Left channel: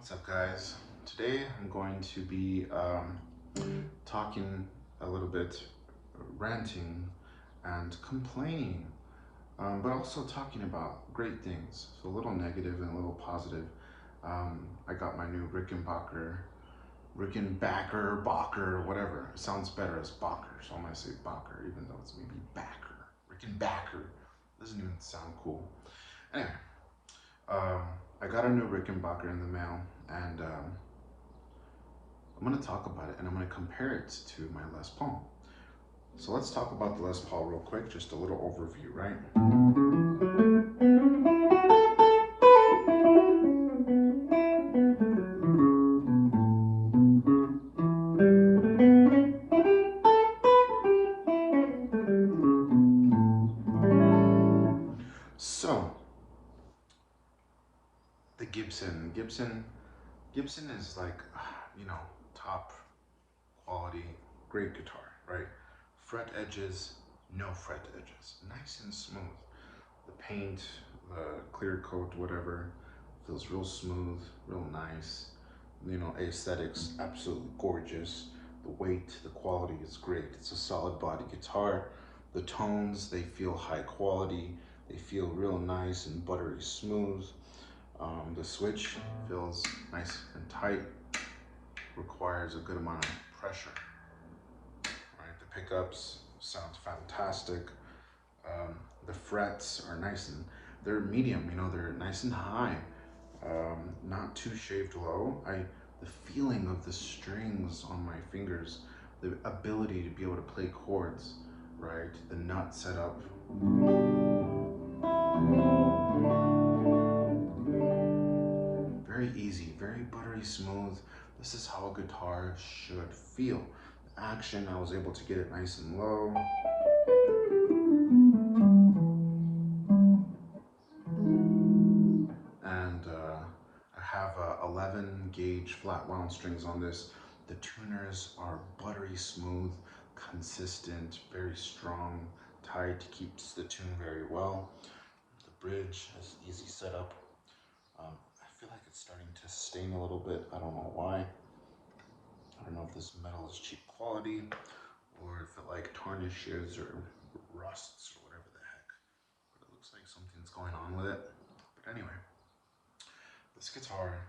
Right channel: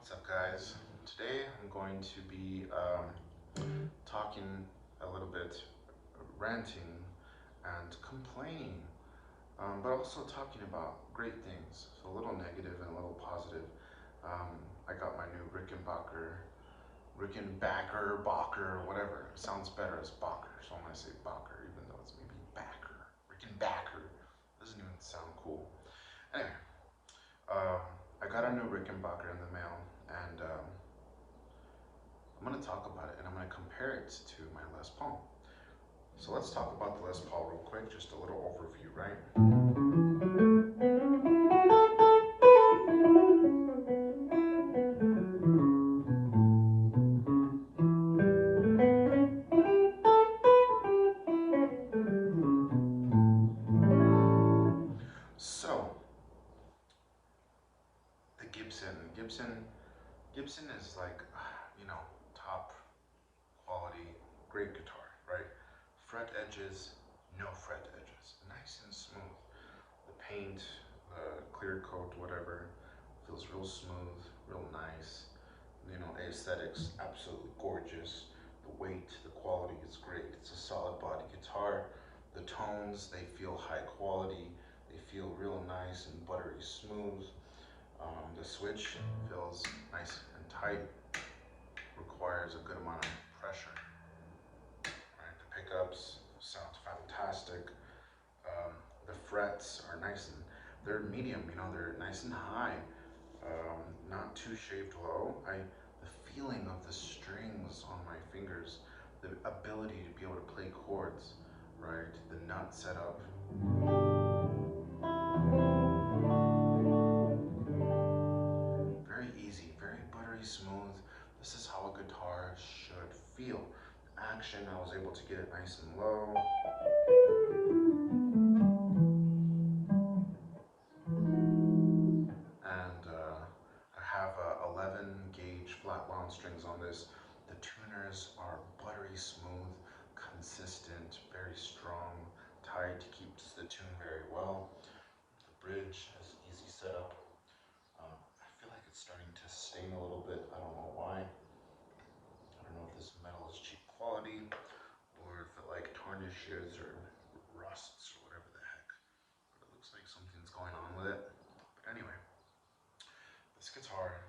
What's up, guys? Today I'm going to be talking a little bit, ranting and complaining, but also talking about great things. So a little negative and a little positive. I got my new Rickenbacker, Bacher, whatever. It sounds better as Bacher, so I'm gonna say Bacher, even though it's maybe Backer. Rickenbacker doesn't even sound cool. Anyway, um, I got a new Rickenbacker in the mail, and I'm going to talk about it, and I'm going to compare it to my Les Paul. So let's talk about the Les Paul real quick, just a little overview, right? So, the Gibson is like, top quality, great guitar, right? Fret edges, no fret edges, nice and smooth. The paint, the clear coat, whatever, feels real smooth, real nice. Aesthetics, absolutely gorgeous. The weight, the quality is great. It's a solid body guitar. The tones, they feel high quality. They feel real nice and buttery smooth. The switch feels nice and tight. Requires a good amount of pressure. Right, the pickups sound fantastic. The frets are nice and they're medium. They're nice and high. Not too shaved low. The feeling of the strings on my fingers, the ability to be able to play chords, right? The nut setup. Very easy, very buttery smooth. This is how a guitar should feel. The action, I was able to get it nice and low. And I have 11 gauge flat wound strings on this. The tuners are buttery smooth, consistent, very strong, tight, keeps the tune very well. The bridge is easy setup. I feel like it's starting to sting a little bit. I don't know why. I don't know if this metal is cheap quality or if it like tarnishes or rusts or whatever the heck. But it looks like something's going on with it. But anyway, this guitar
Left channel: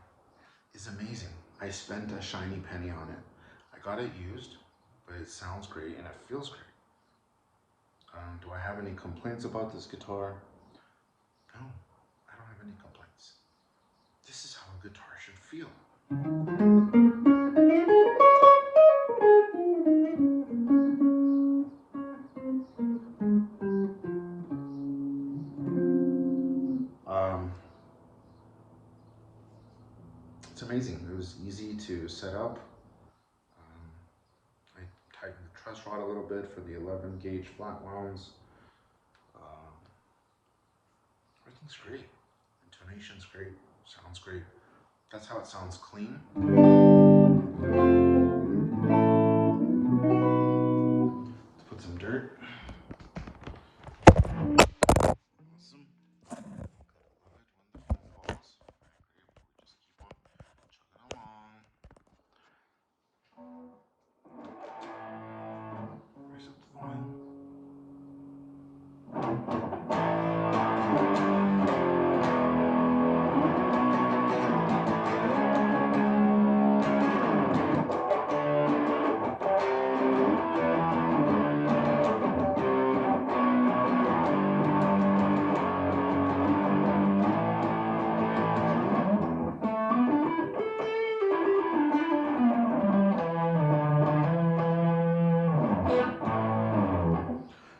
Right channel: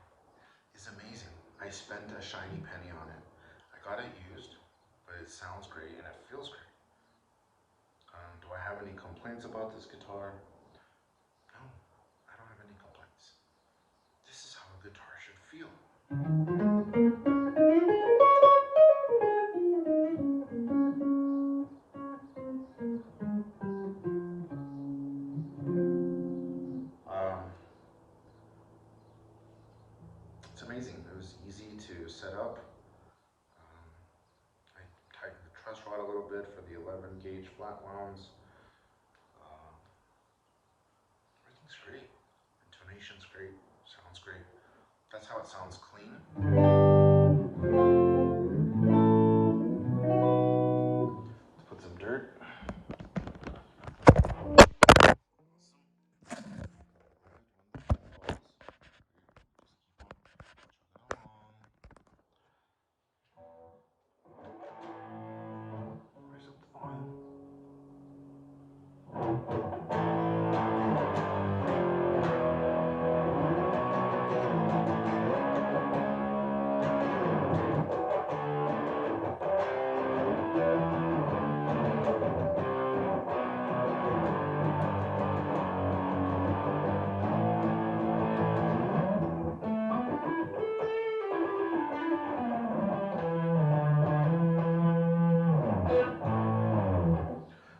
is amazing. I spent a shiny penny on it. I got it used, but it sounds great and it feels great. Do I have any complaints about this guitar? No, I don't have any complaints. This is how a guitar should feel. It's amazing. It was easy to set up. I tightened the truss rod a little bit for the 11 gauge flat wounds. Everything's great. Intonation's great. Sounds great. That's how it sounds clean. Let's put some dirt.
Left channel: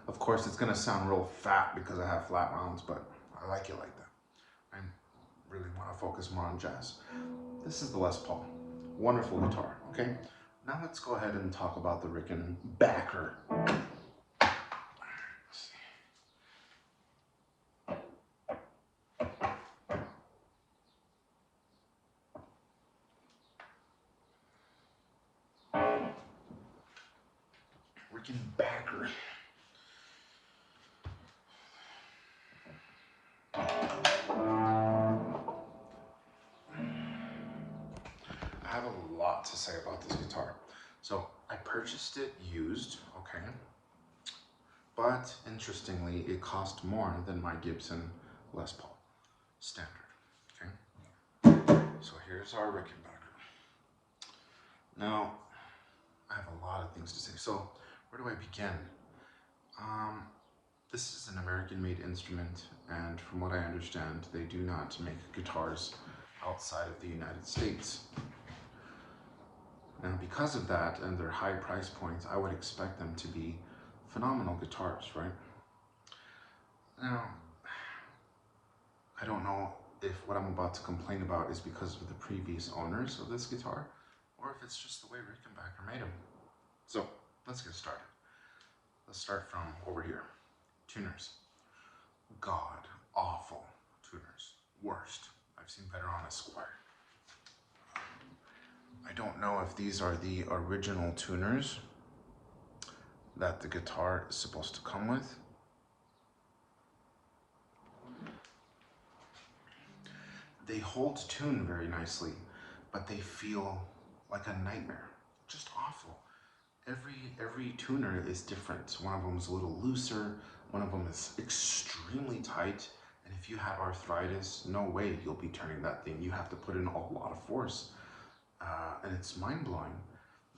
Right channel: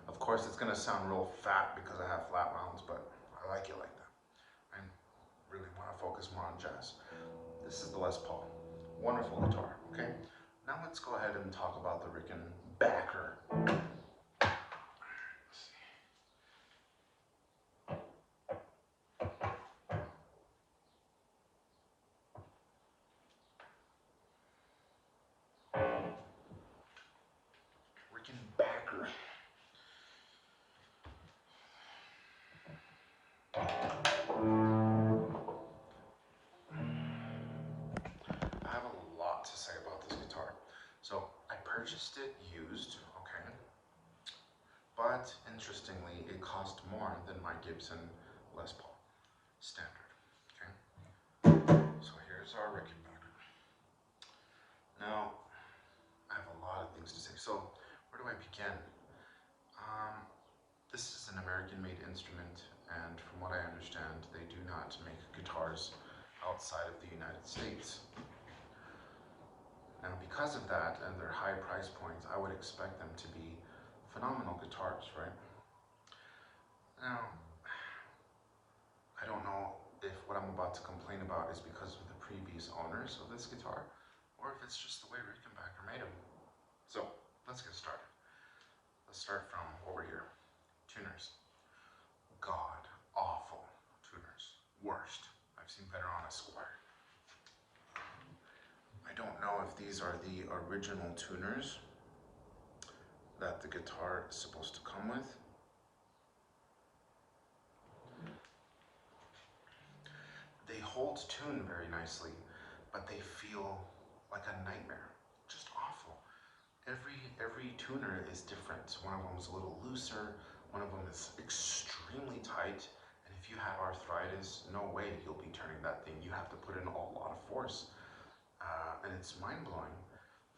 Of course, it's gonna sound real fat because I have flat wounds, but I like it like that. I really want to focus more on jazz. This is the Les Paul. Wonderful guitar, okay? Now let's go ahead and talk about the Rickenbacker. Rickenbacker. lot to say about this guitar. So I purchased it used, okay, but interestingly, it cost more than my Gibson Les Paul standard, okay? So here's our Rickenbacker. Now, I have a lot of things to say. So where do I begin? This is an American-made instrument, and from what I understand, they do not make guitars outside of the United States. Now, because of that and their high price points, I would expect them to be phenomenal guitars, right? Now, I don't know if what I'm about to complain about is because of the previous owners of this guitar, or if it's just the way Rickenbacker made them. So, let's get started. Let's start from over here. Tuners. God awful tuners. Worst. I've seen better on a Squire. I don't know if these are the original tuners that the guitar is supposed to come with. They hold tune very nicely, but they feel like a nightmare. Just awful. Every tuner is different. One of them is a little looser, one of them is extremely tight, and if you have arthritis, no way you'll be turning that thing. You have to put in a lot of force, and it's mind-blowing.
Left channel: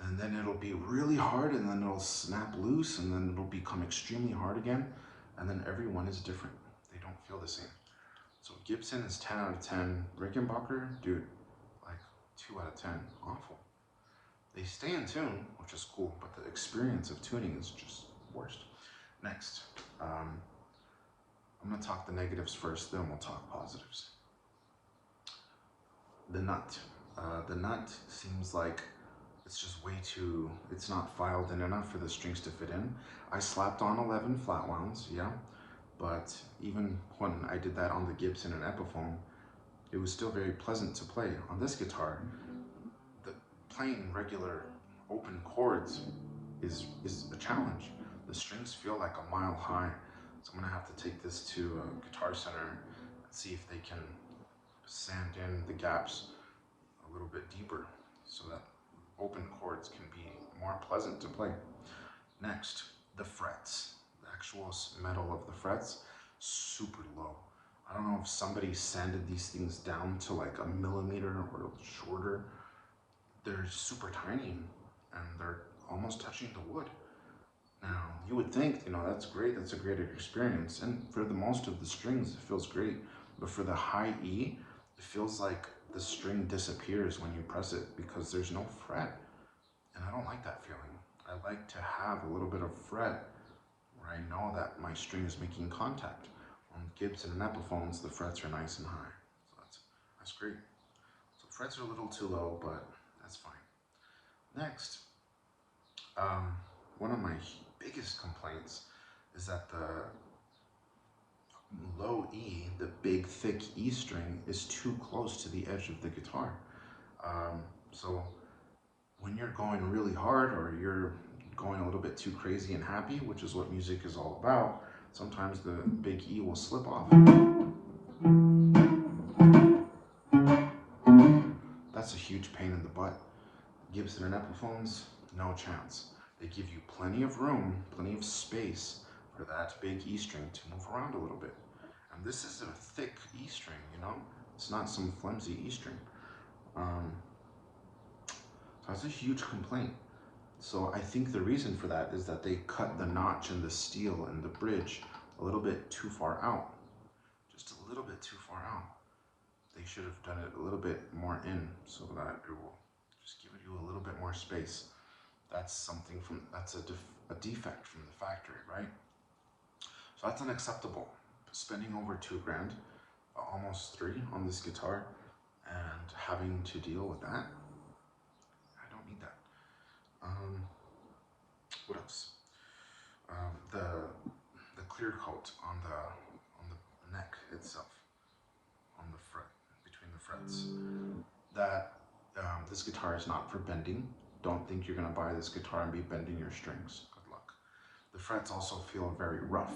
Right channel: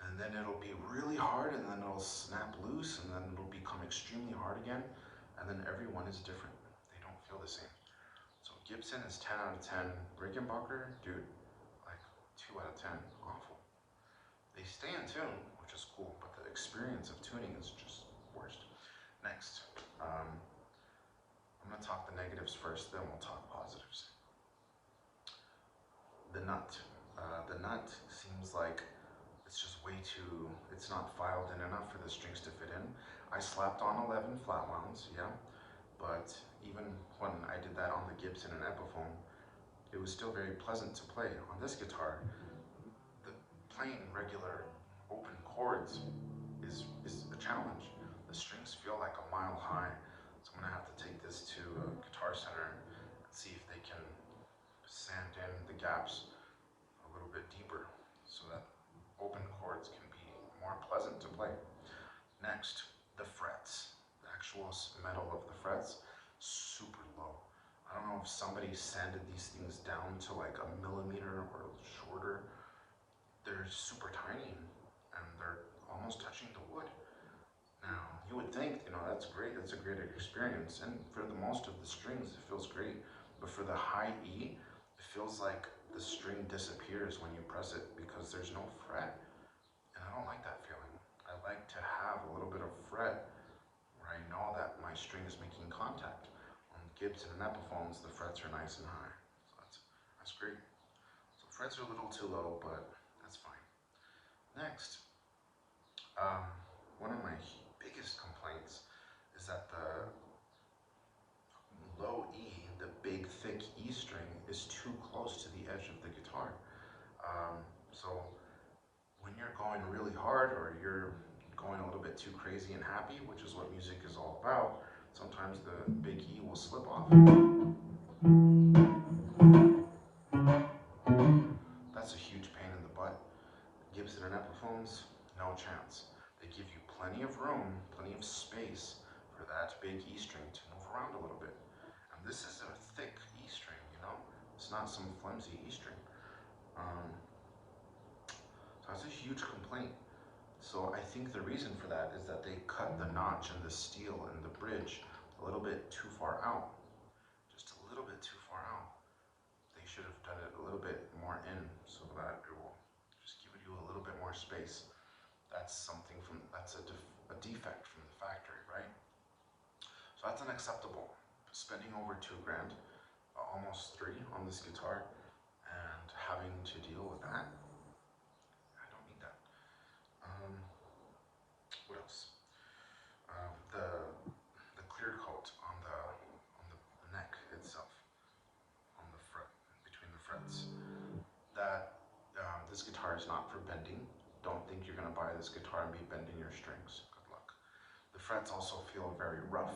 And then it'll be really hard, and then it'll snap loose, and then it'll become extremely hard again, and then every one is different. They don't feel the same. So Gibson is 10 out of 10. Rickenbacker, dude, like 2 out of 10. Awful. They stay in tune, which is cool, but the experience of tuning is just worst. Next, I'm gonna talk the negatives first, then we'll talk positives. The nut. The nut seems like it's just way too, it's not filed in enough for the strings to fit in. I slapped on 11 flatwounds, yeah, but even when I did that on the Gibson and Epiphone, it was still very pleasant to play. On this guitar, the playing regular open chords is a challenge. The strings feel like a mile high, so I'm gonna have to take this to a Guitar Center and see if they can sand in the gaps a little bit deeper so that open chords can be more pleasant to play. Next, the frets. The actual metal of the frets, super low. I don't know if somebody sanded these things down to like a millimeter or shorter. They're super tiny and they're almost touching the wood. Now, you would think, that's great, that's a great experience, and for the most of the strings, it feels great, but for the high E, it feels like the string disappears when you press it because there's no fret, and I don't like that feeling. I like to have a little bit of fret where I know that my string is making contact. On Gibson and Epiphones, the frets are nice and high, so that's great. So frets are a little too low, but that's fine. Next, one of my biggest complaints is that the low E, the big thick E string, is too close to the edge of the guitar. So when you're going really hard or you're going a little bit too crazy and happy, which is what music is all about, sometimes the big E will slip off. That's a huge pain in the butt. Gibson and Epiphones, no chance. They give you plenty of room, plenty of space for that big E string to move around a little bit. And this is a thick E string, It's not some flimsy E string. So that's a huge complaint. So I think the reason for that is that they cut the notch in the steel and the bridge a little bit too far out. Just a little bit too far out. They should have done it a little bit more in so that it will just give you a little bit more space. That's something that's a defect from the factory, right? So that's unacceptable. Spending over $2 grand, almost 3 on this guitar, and having to deal with that, I don't need that. What else? The clear coat on the neck itself, on the fret, between the frets. That this guitar is not for bending. Don't think you're gonna buy this guitar and be bending your strings. Good luck. The frets also feel very rough.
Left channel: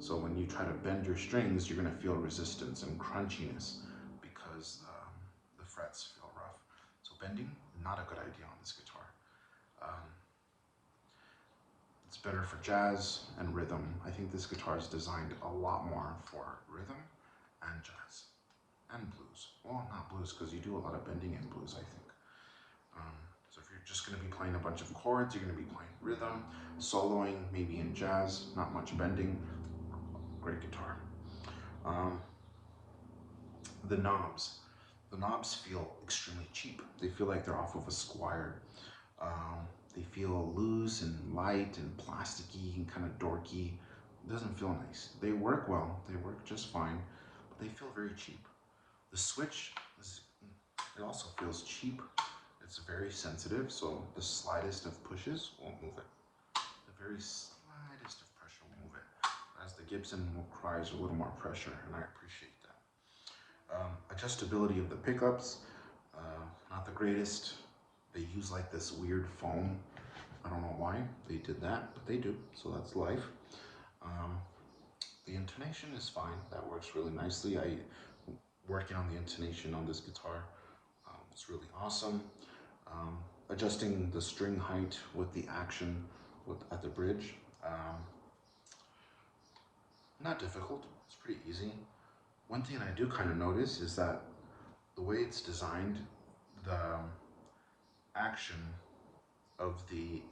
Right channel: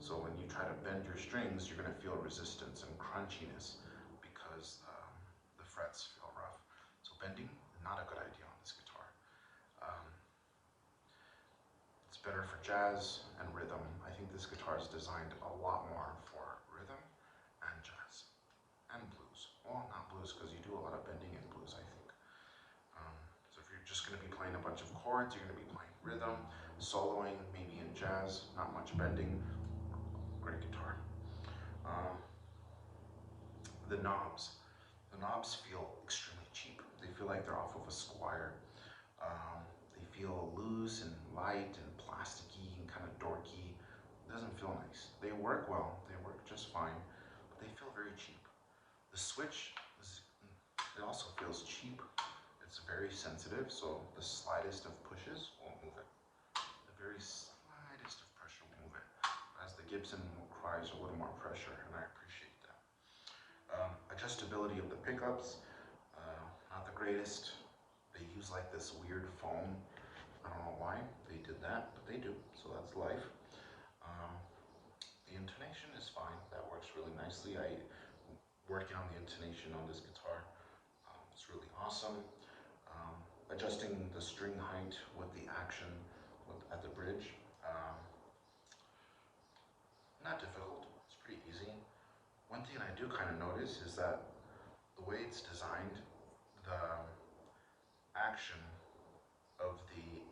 So when you try to bend your strings, you're gonna feel resistance and crunchiness because the frets feel rough. So bending, not a good idea on It's better for jazz and rhythm. I think this guitar is designed a lot more for rhythm and jazz and blues. Well, not blues, because you do a lot of bending in blues, I think. So if you're just going to be playing a bunch of chords, you're going to be playing rhythm, soloing, maybe in jazz, not much bending. Great guitar. Um, the knobs. The knobs feel extremely cheap. They feel like they're off of a Squire. They feel loose and light and plasticky and kind of dorky. It doesn't feel nice. They work well. They work just fine, but they feel very cheap. The switch, it also feels cheap. It's very sensitive, so the slightest of pushes won't move it. The very slightest of pressure will move it. As the Gibson requires a little more pressure, and I appreciate that. Adjustability of the pickups, not the greatest. They use like this weird foam. I don't know why they did that, but they do, so that's life. The intonation is fine. That works really nicely. Working on the intonation on this guitar was really awesome. Adjusting the string height with the action at the bridge, not difficult. It's pretty easy. One thing I do kind of notice is that the way it's designed, the action of the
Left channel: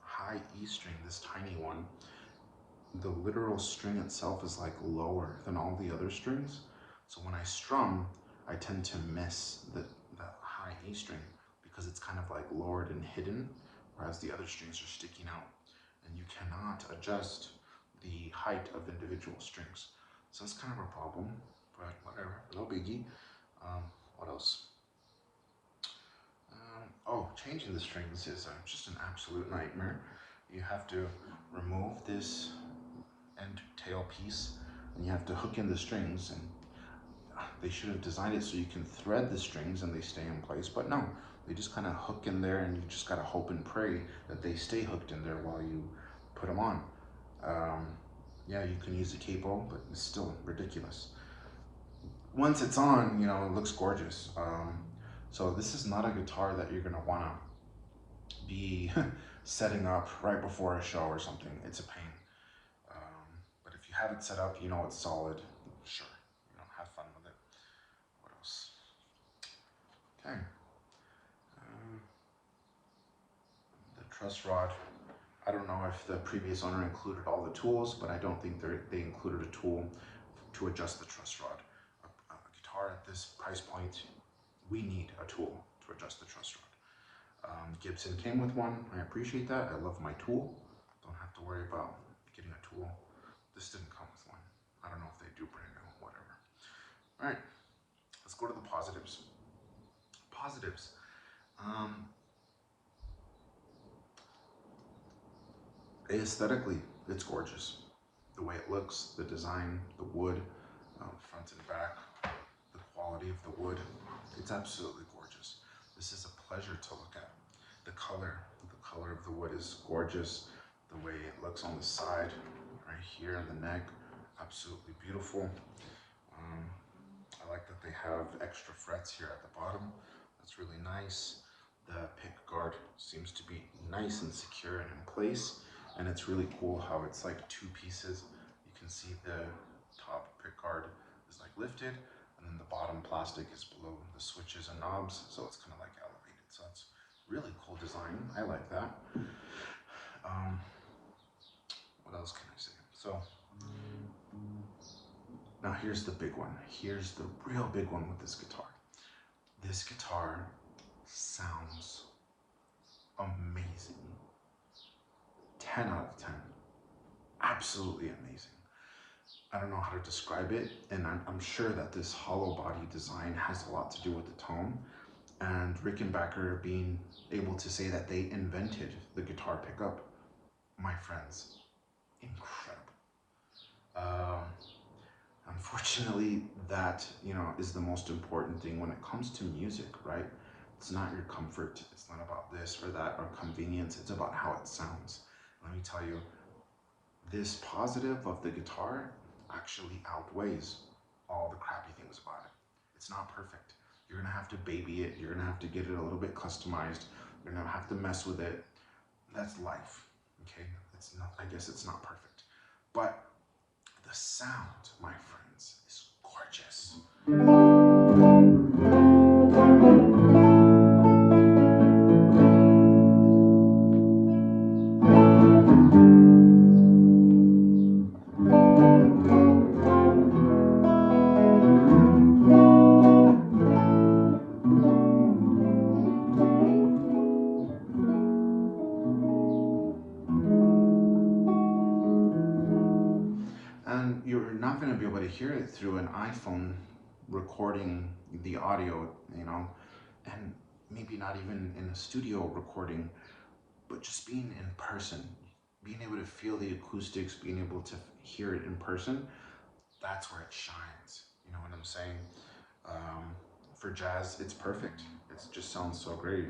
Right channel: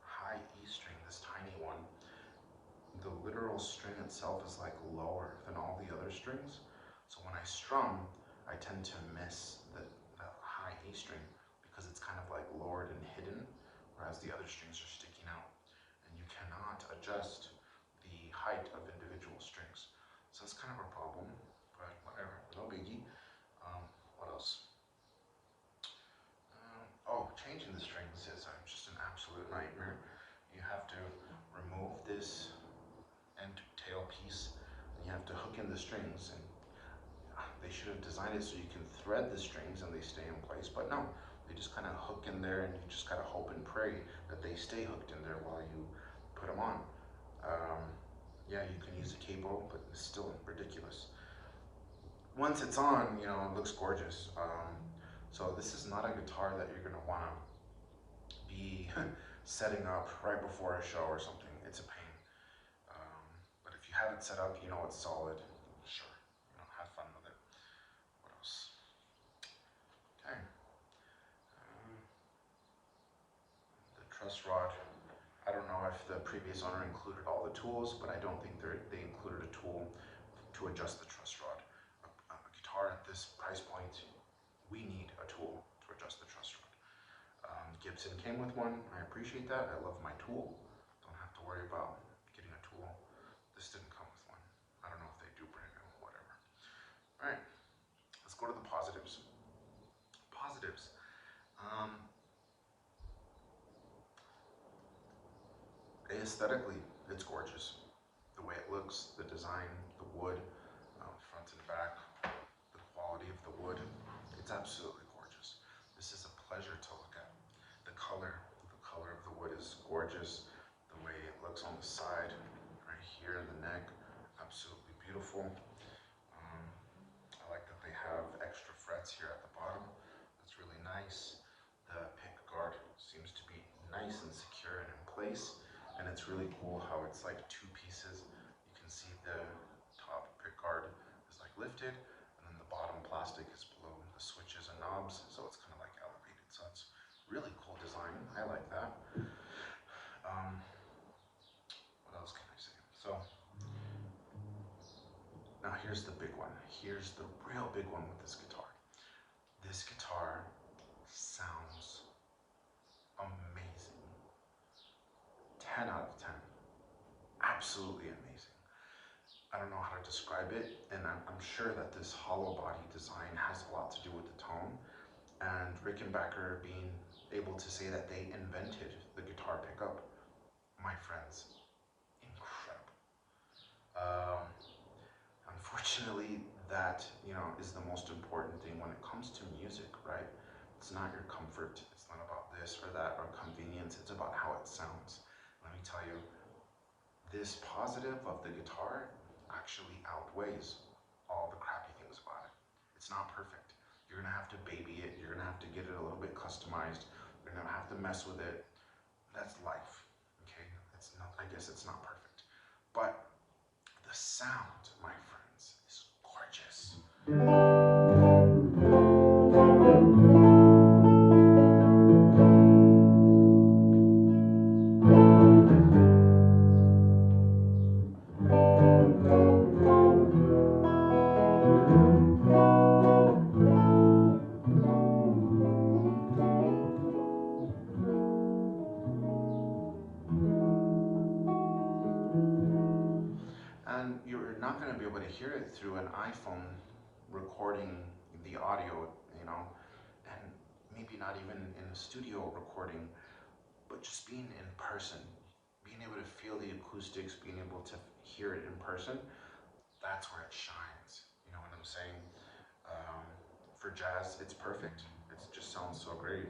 high E string, this tiny one, the literal string itself is like lower than all the other strings. So when I strum, I tend to miss the high E string because it's kind of like lowered and hidden, whereas the other strings are sticking out. And you cannot adjust the height of individual strings. So that's kind of a problem, but whatever, no biggie. What else? Oh, changing the strings is just an absolute nightmare. You have to remove this end tail piece and you have to hook in the strings, and they should have designed it so you can thread the strings and they stay in place, but no, they just kind of hook in there and you just gotta hope and pray that they stay hooked in there while you put them on. Yeah, you can use a capo, but it's still ridiculous. Once it's on, you know, it looks gorgeous. So this is not a guitar that you're gonna wanna be setting up right before a show or something. It's a pain. But if you have it set up, you know it's solid. Sure, you know, have fun with it. What else? Okay. The truss rod. I don't know if the previous owner included all the tools, but I don't think they included a tool to adjust the truss rod. A guitar at this price point, we need a tool to adjust the truss rod. Gibson came with one. I appreciate that. I love my tool. Don't have to worry about getting a tool. This didn't come with one. I don't know if they do brand new, whatever. All right, let's go to the positives. Positives. Aesthetically, it's gorgeous. The way it looks, the design, the wood, front and back, the quality of the wood, it's absolutely gorgeous. This is a pleasure to look at. The color of the wood is gorgeous. The way it looks on the side, right here in the neck, absolutely beautiful. I like that they have extra frets here at the bottom. That's really nice. The pick guard seems to be nice and secure and in place. And it's really cool how it's like two pieces. You can see the top pick guard is like lifted, and then the bottom plastic is below the switches and knobs, so it's kind of like elevated. So it's really cool design. I like that. What else can I say? So now here's the big one. Here's the real big one with this guitar. This guitar sounds amazing. 10 out of 10. Absolutely amazing. I don't know how to describe it, and I'm sure that this hollow body design has a lot to do with the tone, and Rickenbacker being able to say that they invented the guitar pickup, my friends, incredible. Unfortunately, that, you know, is the most important thing when it comes to music, right? It's not your comfort, it's not about this or that or convenience, it's about how it sounds. Let me tell you, this positive of the guitar actually outweighs all the crappy things about it. It's not perfect. You're gonna have to baby it, you're gonna have to get it a little bit customized, you're gonna have to mess with it. That's life, okay? I guess it's not perfect, but the sound, my friends, is gorgeous. And you're not going to be able to hear it through an iPhone recording the audio, and maybe not even in a studio recording, but just being in person, being able to feel the acoustics, being able to hear it in person, that's where it shines. You know what I'm saying? For jazz, it's perfect. It just sounds so great.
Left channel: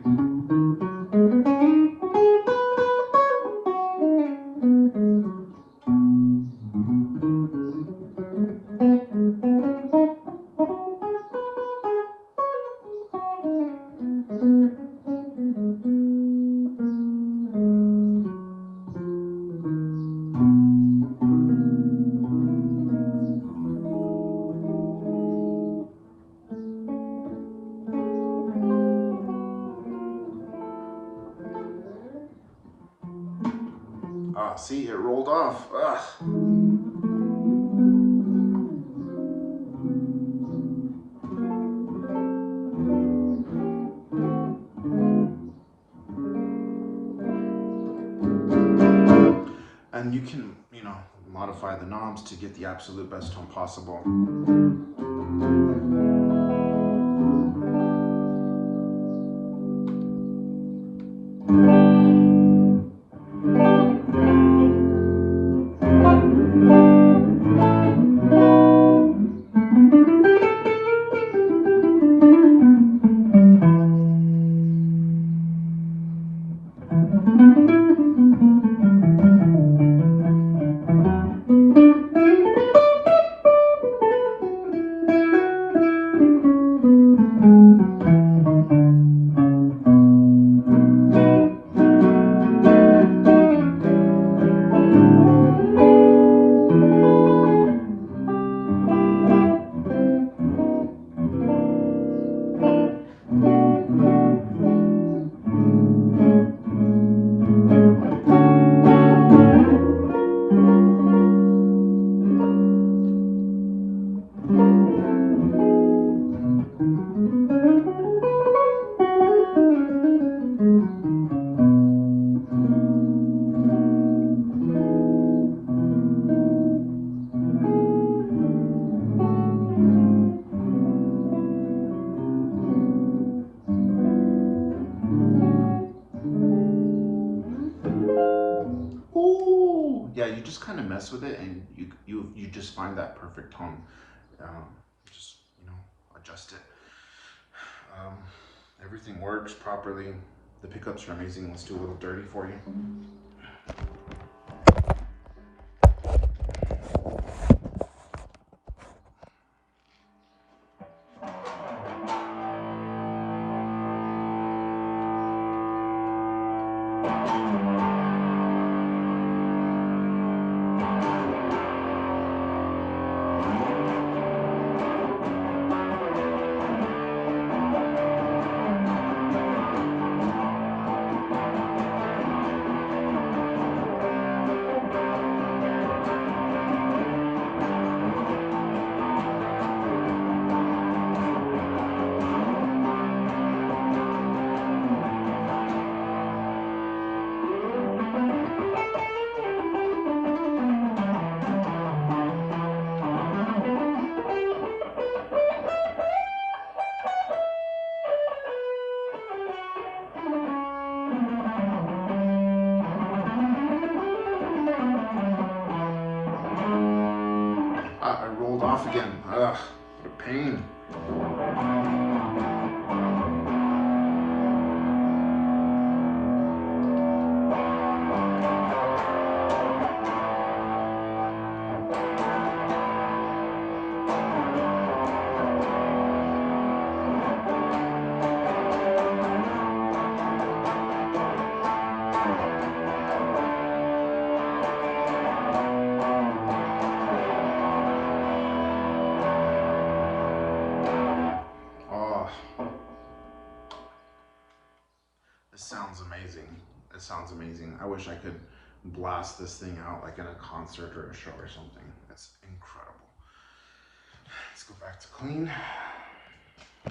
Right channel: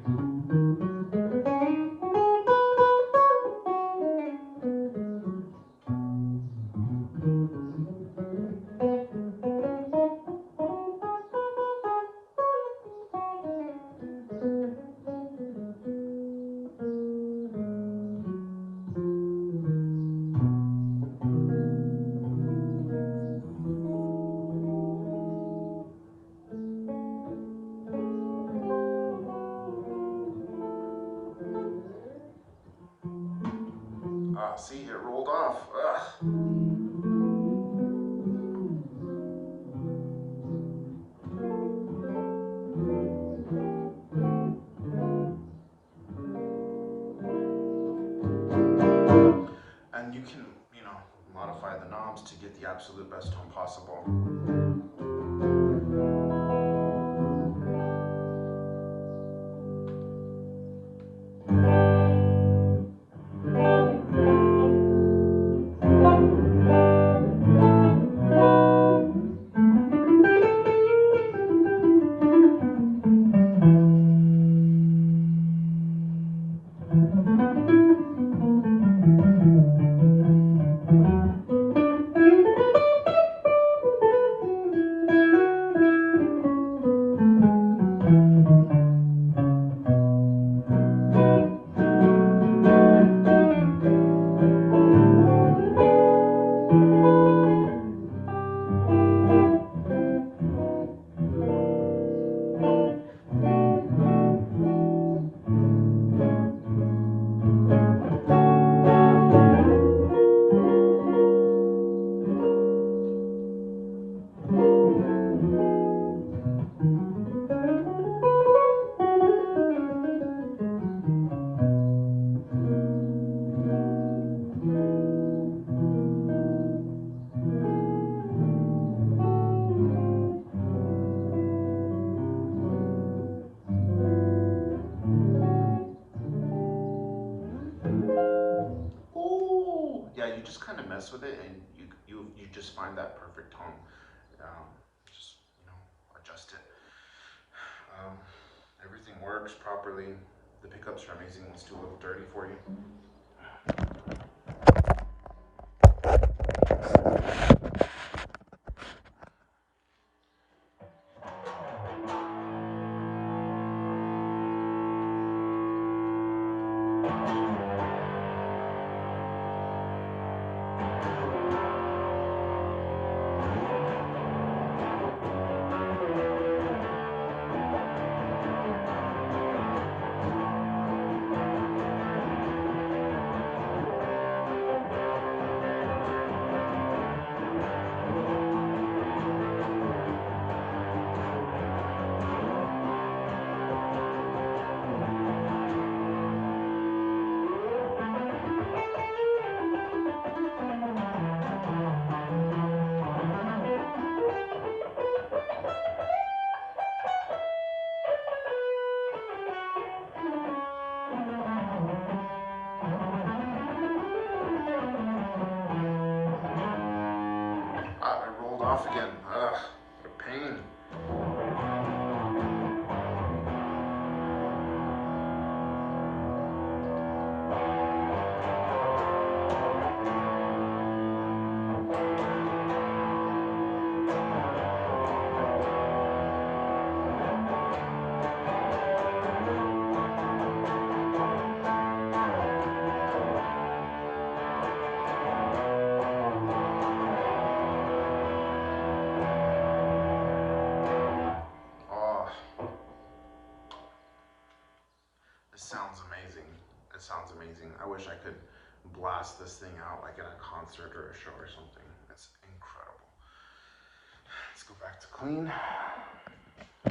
Ah, see, it rolled off. Ugh. And you can, modify the knobs to get the absolute best tone possible. Ooh, yeah, you just kind of mess with it, and you just find that perfect tone. Um, just adjust it. Um, Everything works properly. The pickups are amazing. Let's do a little dirty for you. I rolled off again. Ugh, what a pain. This sounds amazing. It sounds amazing. I wish I could blast this thing out like in a concert or a show or something. It's incredible. Let's go back to clean. I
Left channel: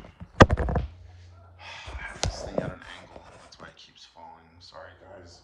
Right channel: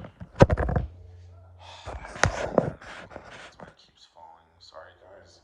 have this thing at an angle. That's why it keeps falling. Sorry, guys.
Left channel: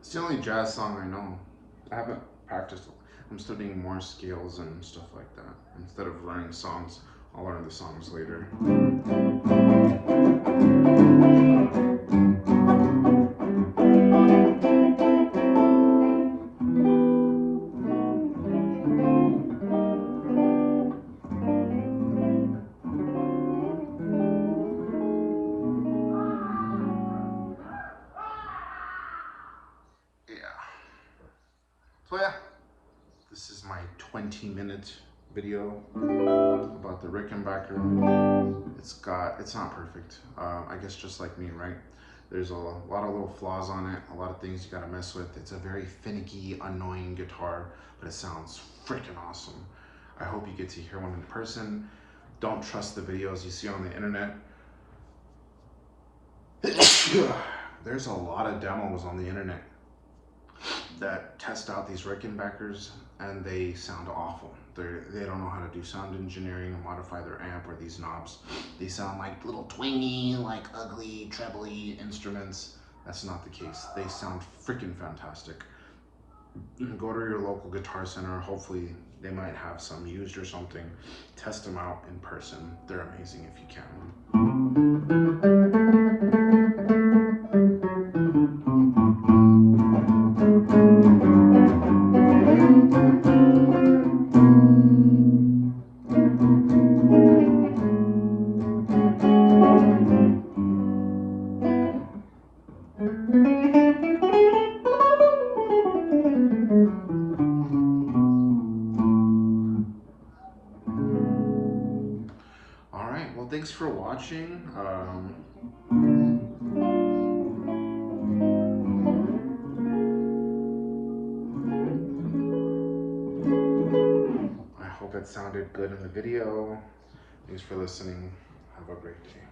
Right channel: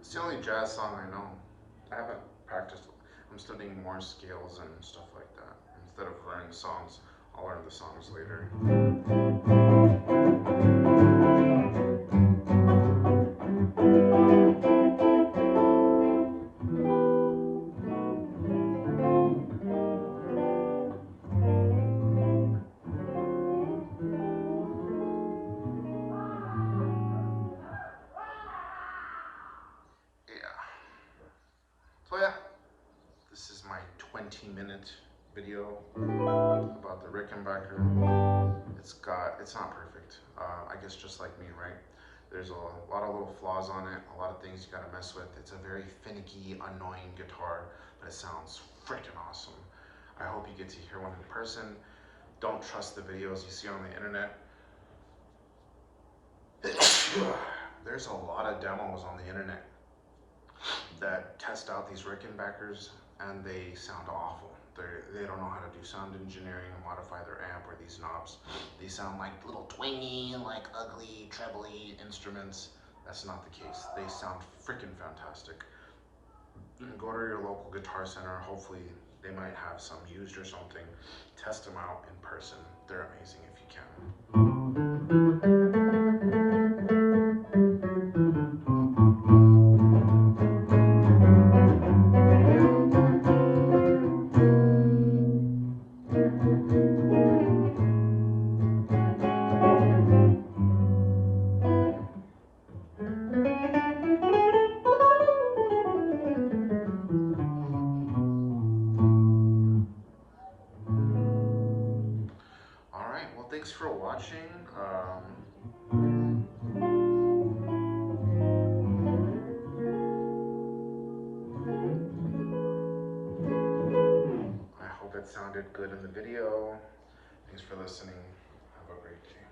It's the only jazz song I know. I haven't practiced. I'm studying more scales and stuff like that. Instead of learning songs, I'll learn the songs later. So yeah, this is my 20-minute video about the Rickenbacker. It's not perfect. I guess just like me, right? There's a lot of little flaws on it, a lot of things you gotta mess with. It's a very finicky, annoying guitar, but it sounds freaking awesome. I hope you get to hear one in person. Don't trust the videos you see on the internet. There's a lot of demos on the internet that test out these Rickenbackers and they sound awful. They don't know how to do sound engineering and modify their amp or these knobs. They sound like little twangy, like ugly, trebly instruments. That's not the case. They sound freaking fantastic. Go to your local guitar center. Hopefully they might have some used or something. Test them out in person. They're amazing if you can. Alright, well thanks for watching. I hope it sounded good in the video. Thanks for listening. Have a great day.